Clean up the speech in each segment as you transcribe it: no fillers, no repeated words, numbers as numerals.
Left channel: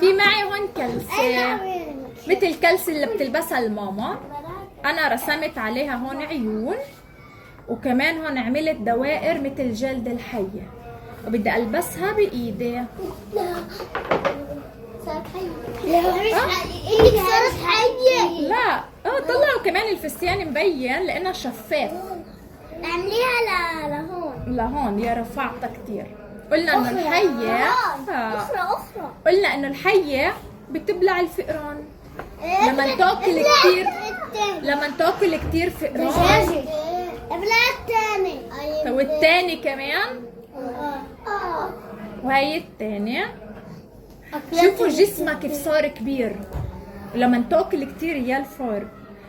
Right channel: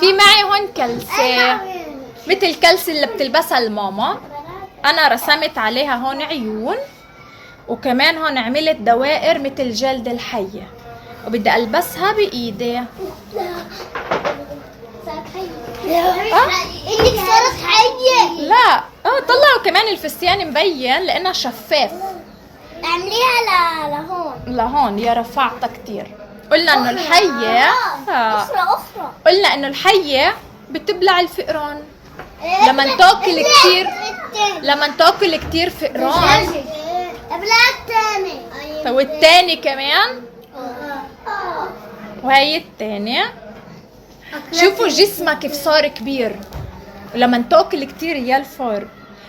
في معي هون كلسة مثل الكلسة اللي بتلبسها الماما، انا رسمت عليها هون عيون، وكمان هون عملت دوائر مثل جلد الحية، وبدي البسها بايدي. انك صارت حية. لا طلعوا كمان الفستان مبين لانه شفاف. اعمليها لهون. لهون يا رفعتها كتير. قلنا انه الحية اخرى قلنا انه الحية بتبلع الفئران لما تاكل كتير فئران. ابلع الثاني. والتاني كمان، وهي التانية. شوفوا جسمها كيف صار كبير لما تاكل كتير يا الفار.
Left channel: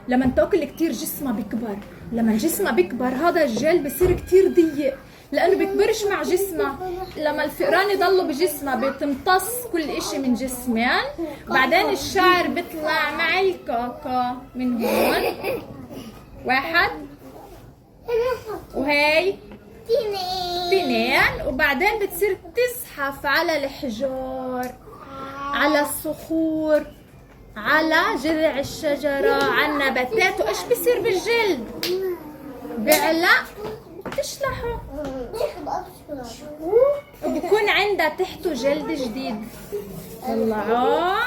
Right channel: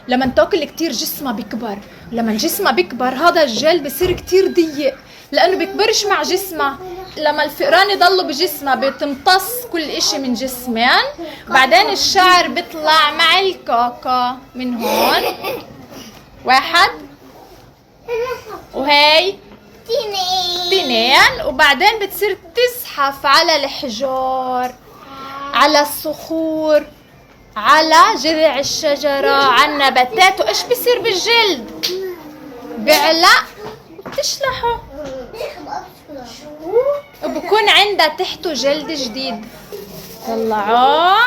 لما تاكل كتير جسمها بيكبر، لما جسمها بيكبر هذا الجلد بصير كتير ضيق لانه بيكبرش مع جسمها. لما الفئران يضلوا بجسمها بتمتص كل اشي من جسمين، بعدين الشعر بيطلع مع الكاكا من هون. واحد، وهي تنين، وبعدين بتصير تزحف على الحجار، على الصخور، على جذع الشجرة، على النباتات. وإيش بصير بالجلد؟ بعلق وبتشلحه، وبكون عندها تحته جلد جديد. طلعوه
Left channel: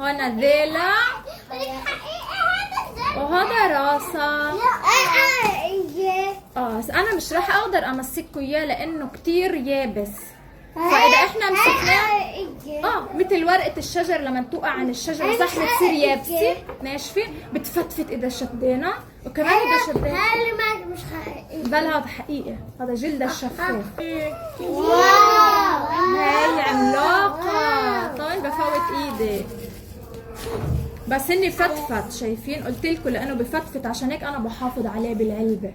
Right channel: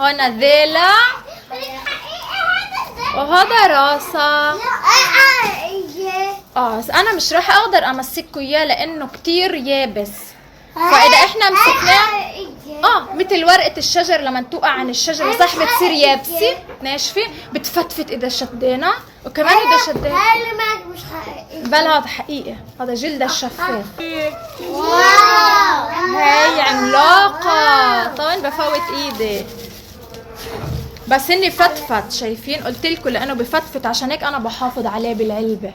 هون ذيلا، وهذا راسها. انا مش راح اقدر امسكه اياه لانه كتير يابس، فاذا احنا مسكناه مثل ورقة الشجر لما توقع عن الشجرة صح بتصير يابسة ناشفة، بتفتفت اذا شدينا، وكمان اذا شدينا. هاي معك مش حقيقي. بل هذا حقيقي، هذا جلد الشفاف. واو هاي عملاقة. طبعا بفوت ايدي بس اني فتفت. شايفين؟ قلت لكم لانه بفتفت، عشان هيك انا بحافظ عليه بالعلبة.